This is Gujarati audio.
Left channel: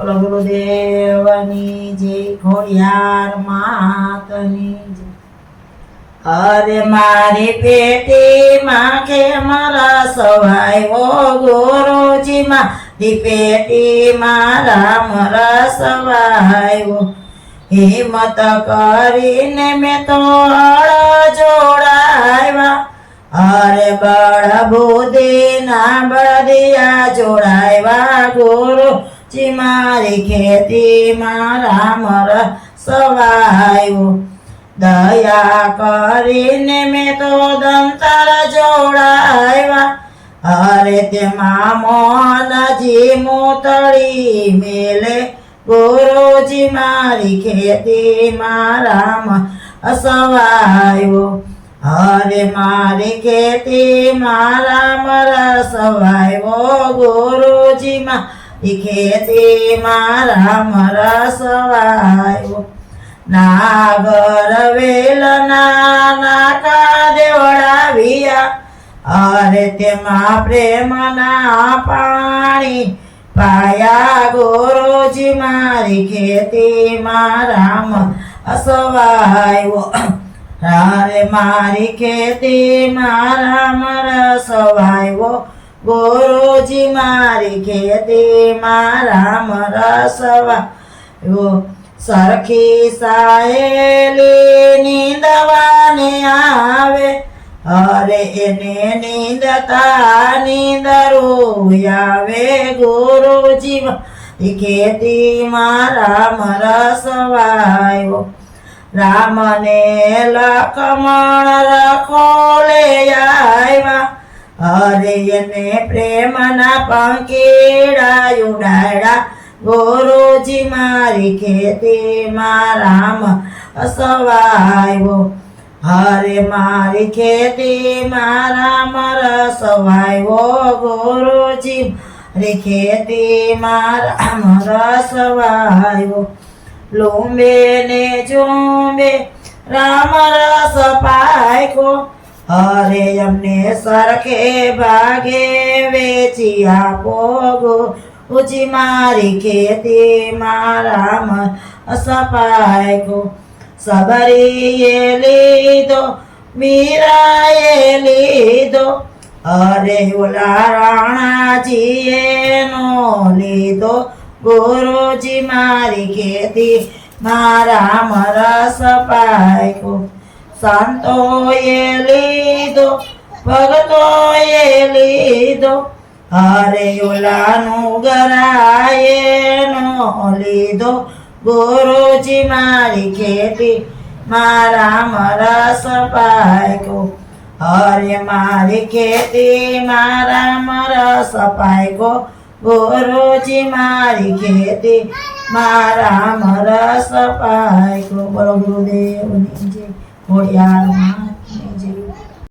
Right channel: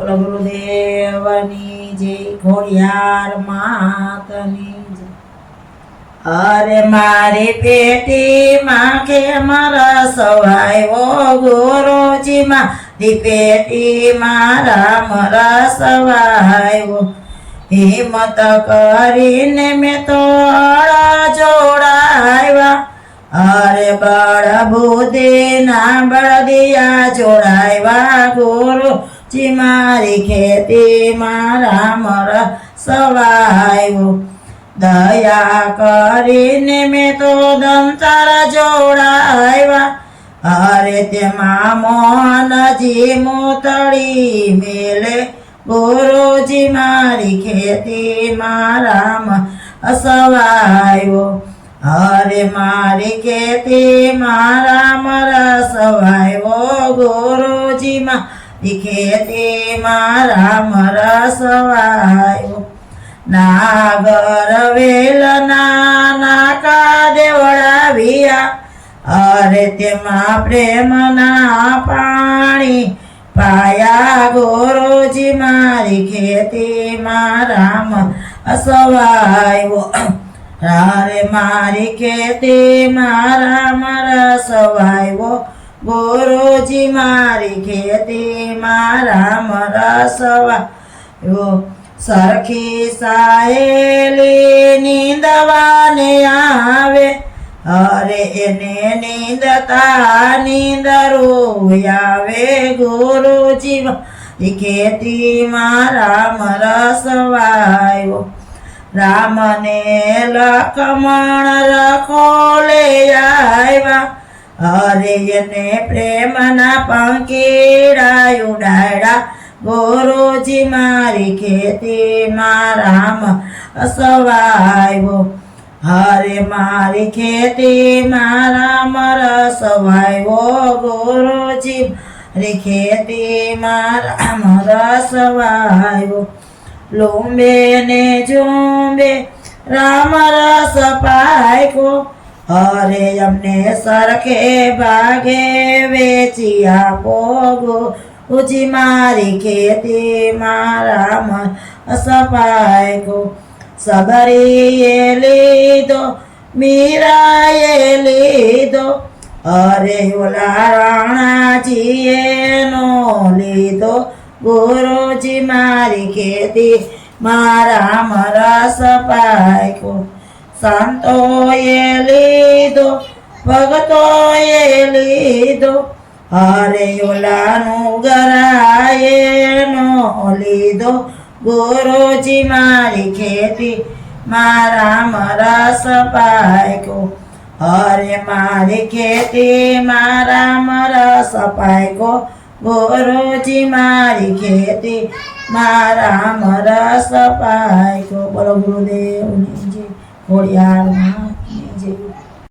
બોલો ગુરુદેવની જય, ખોડિયાર માતની જય। અરે મારી પેટીમાં કેમ રસ વાયો ગુરુજી મારી પેટીમાં રામ રસ વાયો। હિંમત કરીને મેં તો જોડાવ્યા, અરે બળ બુદ્ધિ ના બળદિયા જોડાવ્યા। ગુરુજી મારી ખેતીમાં રામ રસ વાયો। દયા કરીને મેં તો દંતર જોડાવ્યા, અરે તેમાં મોહનજી મોતળી મેલે। ગુરુજી મારી ખેતીમાં રામ અસવાયો, અરે મારી ખેતીમાં રામ રસ વાયો। ગુરુજી મારી ખેતીમાં રામ રસ વાયો। નાગર વેલ નાકા દેવડાવ્યા, અરે તેમાં પ્રેમના પાણી પાયા। ગુરુજી મારી ખેતીમાં રામ અસવાયો, અરે મારી ખેતીમાં રામ રસ વાયો। ગુરુજી મારી ખેતીમાં રામ રસ વાયો। સરખી સાયેલી નીંદવાને આવે, અરે એને નીંદતા નીંદરું આવે। ગુરુજી મારી ખેતીમાં રામ રસ વાયો। રામને લક્ષ્મણ રખોલે આવ્યા, અરે એને પ્રેમના પંખીડા ઉડાડ્યા। ગુરુજી મારી ખેતીમાં રામ અસવાયો, અરે મારી ખેતીમાં રામ રસ વાયો। ગુરુજી મારી ખેતીમાં રામ રસ વાયો। લુંબે ને ઝુંબે રામ રસ પાક્યો, અરે અમને સરખે ભાગે વેચી આપો। ગુરુજી મારી ખેતીમાં રામ રસ પાક્યો। સબરીએ લીધો મીરાએ લીધો, અરે ઓલા રાણાજીએ નો લીધો। ગુરુજી મારી ખેતીમાં રામ રસ પાક્યો। સંતોએ લીધો ભગતોએ લીધો, અરે ઓલાનું ગરાએ નો લીધો। ગુરુજી મારી ખેતીમાં રામ રસ પાક્યો, અરે મારી ખેતીમાં રામ રસ પાક્યો। ગુરુજી મારી ખેતીમાં રામ રસ પાક્યો। બોલો ગુરુદેવની જય, ખોડિયાર